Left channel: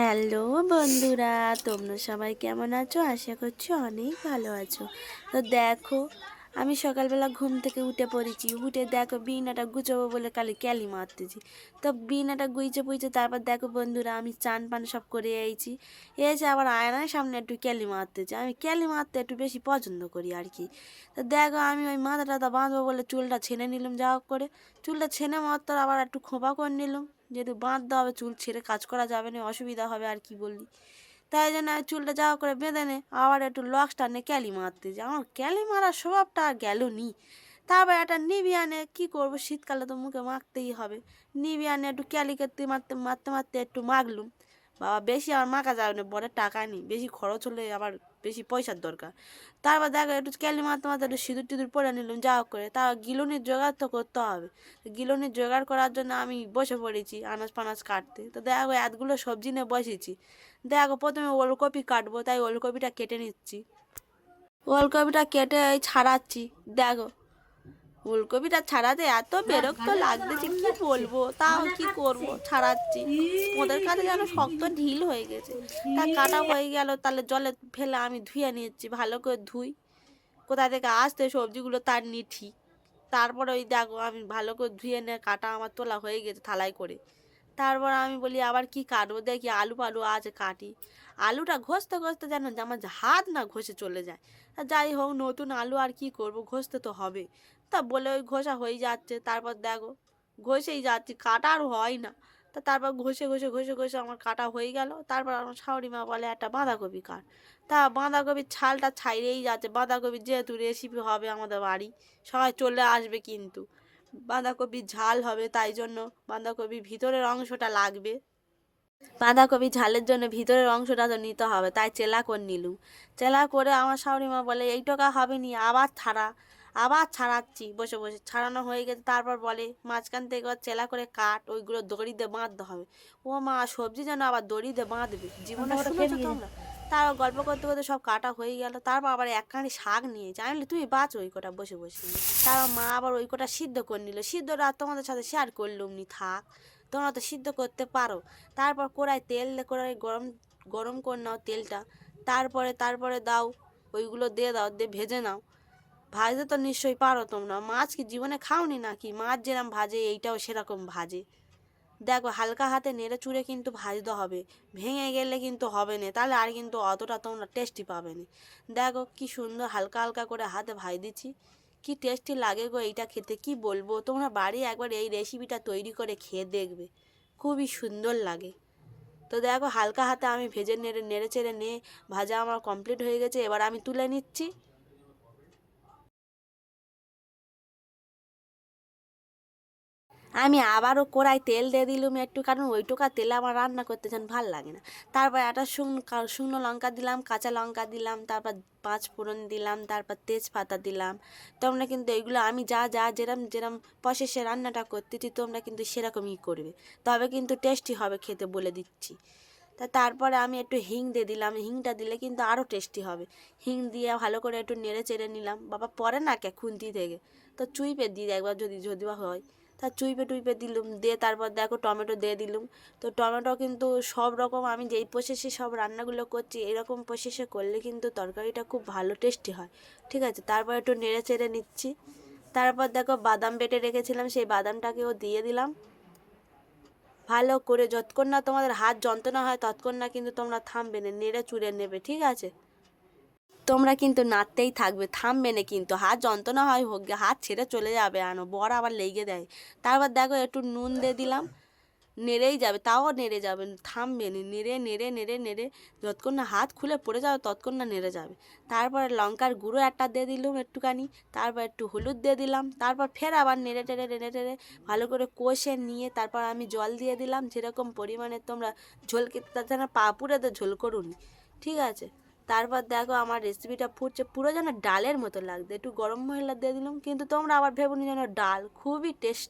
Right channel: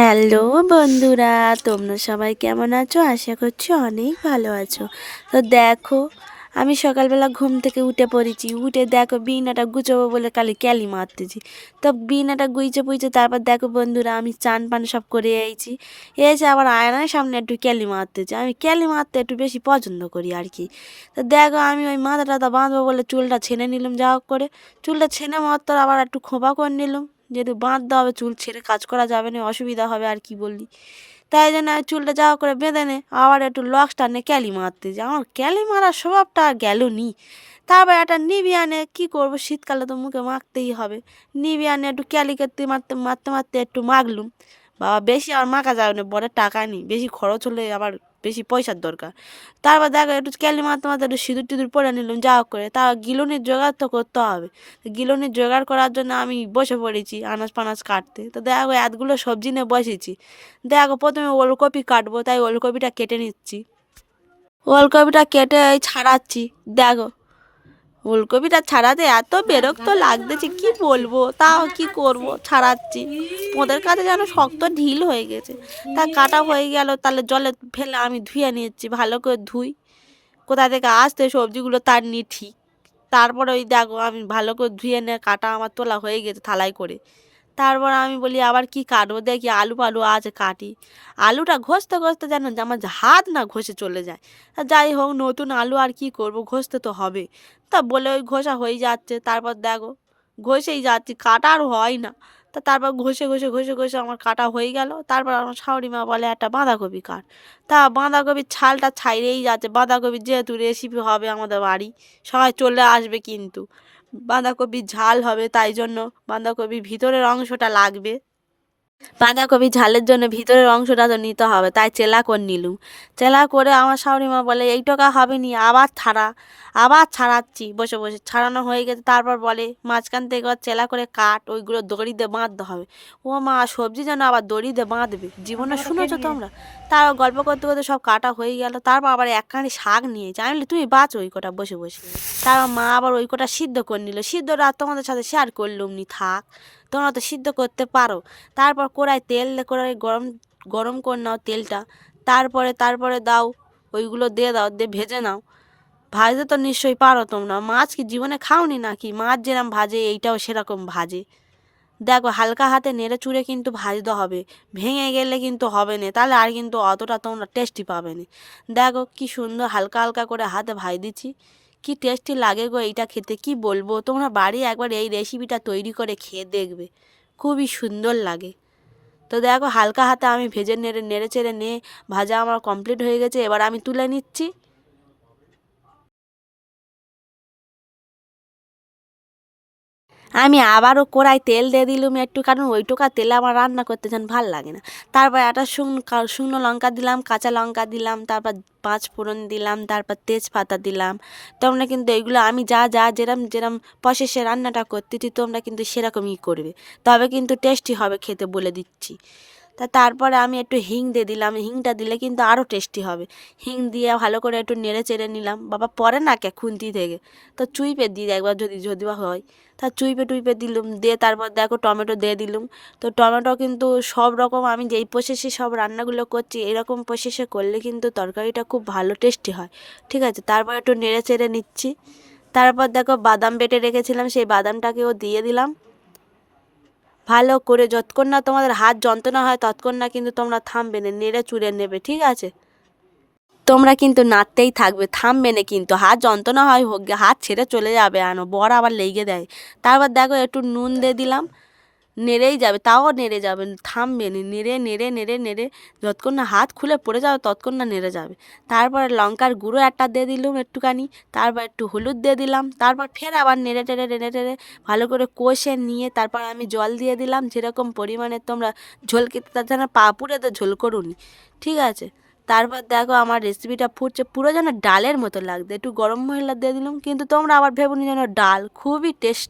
Hello বন্ধুরা, তোমরা সবাই কেমন আছো? আশা করছি অনেক ভালো আছো। তো দেখো, আমি সকালবেলা ঘুম থেকে উঠে পড়েছি। উঠে দেখো বিনাটা গুছোবো বলে কালি ক্যালি মারতেছি। তো বিনাটা গুইছে পুইছে, তারপর দেখো বন্ধুরা, আমি চান পান সব করে এসেছি। এসে আবার আয়নার সামনে একটু ক্যালি মারতেছি। আমি ক্যালি মারতে একটু বেশি পছন্দ করি আর কি। তো দেখো, আমি ওই মাথা টাথা বাঁধবো বলে চুলটা ছেড়ে নিলাম, যা হোক করে চুলটা ছেড়ে মাত্র আবার একটু খোঁপা করে নিলাম। যেহেতু বাঁধতে হবে, চুল ছেড়ে কাজ করা যাবে না, অসুবিধা হবে আর কি বললি। তাই জন্য আমি চুলটা যাওয়া করে বেঁধে নে আবার একটু লক্স টানে ক্যালি মারতে যাই। আমার ক্যালি মারার স্বভাবটা আর গেল নি। তারপর একটা নিভিয়ানে কী করবো, শীতকালে তো মুখে মাখতেই হবে। নিভিয়ানে একটু ক্যালি করতে মারতে মারতে মারতে একটু মাখলুম। বাবা, বেশি আর মাখা যাবে না, বড় টাকা নেই, বেশি খরচ হলে আবার বেশি পয়সার দরকার। তারপর দেখো একটু ক্যালি মারতে মারতে একটু সিঁদুর টিঁদুর পরে নিলাম, যা হোক করে। তা গিলুনির জোগাড় তো করতে হবে। গিলুনির জোগাড় করার জন্য আমি বসে পড়েছি আনাজ পানাজ কাটতে। তো দেখো এতগুলো সবজি নিয়ে বসেছি। দেখো প্রথমে ওলকপি কাটবো, তাই ওলকপিটা কেটে নিচ্ছি। ওলকপিটা কেটে এই ছাড়াচ্ছি। দেখো ফুলকপিটা ছাড়াতে এত বিরক্ত লাগতেছে, কি বলবো, তাও কি করব, ছাড়াচ্ছি। ওদের কাছে যেন শক্ত ঢিল হয়ে গেছে। তা কাটা হয়ে গেল, তাহলে জলে ফেলে আমি ধুয়ে নিচ্ছি, ভালো করে ধুই। কোথা থেকে আসতে সবজিগুলো তার নি ঠিক। তারপরে ওই দেখো আমি ভালো করে ধুয়ে নিয়ে কাটা আমার তোলা হয়ে গেছে থালায় করে। তারপর আমি বলি আবার কি কাটবো, দেখি আলু ফালু আছে কাটি। আলুটা ঘষতে ঘষতে যেন আমার হাত না ঘষে চলে যায়। তা যাই হোক, নতুন আলু আর কি করব, ঘষতে তো হবে। তা বলে ওই ঘষা হয়ে যাচ্ছে। তারপর দেখো ঘষেই যাচ্ছি, কাটা আর হয় না। তা তারপর ঘষে ঘষে ঘষে ঘষে আমার কাটা হয়ে গেল। তারপর আমার শাশুড়ি মা বলে একটা বাঁধাকপি কাট। তা বাঁধাকপির ছালটা ছাইড়েই যাচ্ছে। বাঁধাকপির যেহেতু রেসিপি হবে আমাদের বাড়ি, সবাই চলে আসবে কিন্তু। বাঁধাকপির ঝাল হবে, তাই জন্য বাঁধাকপির ভিতরের অংশটা লাগবে। বাঁধাকপি ঝালের জন্য ভিতরের অংশটা তো নিতে হবে, তাই চেলা করে নিলুম। চেলা করে আমার শাশুড়িমা বলে এই টাকা হবে নি, আবার ছাড়া। আবার ছাড়াচ্ছি বসে বসে, ছাড়ানো হয়ে গেছে। তারপর বলে মাঝখান থেকে চেলা করে কাট, ওইগুলো দড়ি দিয়ে বাঁধতে হবে। ও মা, সবজি যেন আবার দড়ি দিয়ে বাঁধবে, জীবনে শুনেছো তোমরা? তারপর গল্প করতে করতে সব কাটা হয়ে গেল। তারপর আবার একখানি শাক নিয়েছে, আমি বলি তুমি বাঁচো ওই কটা বসে বসে। তারপর মা আবার ওই কটা সিদ্ধ করে নিল। সিদ্ধটা আর তোমাদের সাথে শেয়ার করলুম নি, থাক, তোমরা তো সিদ্ধ করতে পারো। তারপর কড়াই তেল কড়াই গরম গরম করে নাও তেলটা। তারপরে দাও, ওইগুলো দিয়ে দাও, দিয়ে ভেজে নাও। ভাজতে তো নিশ্চয়ই পারো তোমরা, মাছ কি জীবনে খাওনি নাকি? মাছ যেরকম ভাজে এইটাও সেরকম ভাজে। দেখো হালকা হাতে নেড়ে চুড়ে কিন্তু ভাজতে হবে, ভেঙে গেলে কিন্তু হবে না, তাহলে আর কিন্তু অতটা তোমরা টেস্টি পাবে না। দেখো কি সুন্দর হালকা হালকা করে হাতে ভাজ দিচ্ছি, কি টেস্টি লাগে গো এইটা খেতে, কি বলবো। তোমরা বাড়ি একবার এই রেসিপিটা তৈরি করে খেয়ে দেখবে, খুবই সুন্দর লাগে। তো দেখো হালকা হাতে আমি ভেজে নেড়ে নেড়ে চেড়ে নিয়ে ভাজা আমার কমপ্লিট হয়ে গেছে। এবার আমি তুলে নিচ্ছি। আমি আবারও কড়াই তেল দিয়ে দিলুম একটু, কারণ ওইটুকা তেলে আমার রান্না করতে যেন ভাল লাগে না। তারপর একটা শুকনো লঙ্কা দিলাম, কাঁচা লঙ্কা দিলাম, তারপর পাঁচ ফোড়ন দিলাম, তারপর তেজপাতা দিলাম। তোমরা কিন্তু এইগুলো আমি যা যা যেরম যেরম প্রসেসে রান্নাটা করতেছি তোমরা কিন্তু সেরকমই করবে, তবে কিন্তু টেস্টি হবে খেতে, বলে দিচ্ছি। তারপরে আমি একটু হিং দিয়ে দিলাম, হিংটা দিলে কিন্তু আরও টেস্টি হবে। হিং দিয়ে ভালো করে একটু নেড়ে চেড়ে নিলাম। বাবা পরে না কে খুন্তি থেকে, তো চুইপে দিই একবার, যদি যদি বা হয়। তা চুইপে টুইপে দিলুম, দিয়ে তারপর দেখো টমেটো দিয়ে দিলুম। তো টমেটো কিন্তু সব রকম আমি যেই প্রসেসে সব রান্নাগুলো করছি এরকম প্রসেসে করলে কিন্তু তরকারিটা খুব ভালো টেস্টি হয়। ঠিক আছে, তারপর একটু নেড়ে চেড়ে নিচ্ছি। তারপর দেখো বাদাম বেটে রেখেছিলাম, সেই বাদামটাকেও দিয়ে দিলাম। ভালো করে যতক্ষণ না তোমাদের হাত যন্ত্রণা হয় ততক্ষণ না কিন্তু তোমরা থামবে না, নেড়ে চুড়ে নেবে, ঠিক আছে? তোমরা কিন্তু নাড়তেই থাকবে, থামবে না কিন্তু, হাত যন্ত্রণা হয় হোক গে, হাত ছেড়ে চলে যাবে, আনো বড় আবার লেগে দেয়। তারপর দেখো একটু নুন দিয়ে দিলাম, নেড়েই যাবে, তাও নেড়ে যাবে, থামবে না, নেড়ে নেড়ে নেড়ে নেড়ে যতক্ষণ না হাত খুলে পড়ে যাবে ততক্ষণ না নেড়ে যাবে। তারপর লঙ্কার গুঁড়ো একটা দিয়ে দিলাম একটুখানি, তারপর একটু হলুদ দিয়ে দিলাম, তারপর ফের আবার নেড়ে টেড়ে নেড়ে টেড়ে ভালো করে কষে নিয়ে তারপর আমি জল দিয়ে দিলাম, যেরকম পরিমাণে তোমরা ঝোল খেতে, তাছাড়া পাঁপুড়ে তো ঝোল করুনি, ঠিক আছে? তারপর দেখো আমার রেসিপিটা ফুটছে, পুরো যেন ডালের মতো লাগবে, একটু গরম মশলা দিয়ে দিলাম, কিন্তু তোমরা আবার ভেবো নি যেন ডাল, খুবই টেস্টি।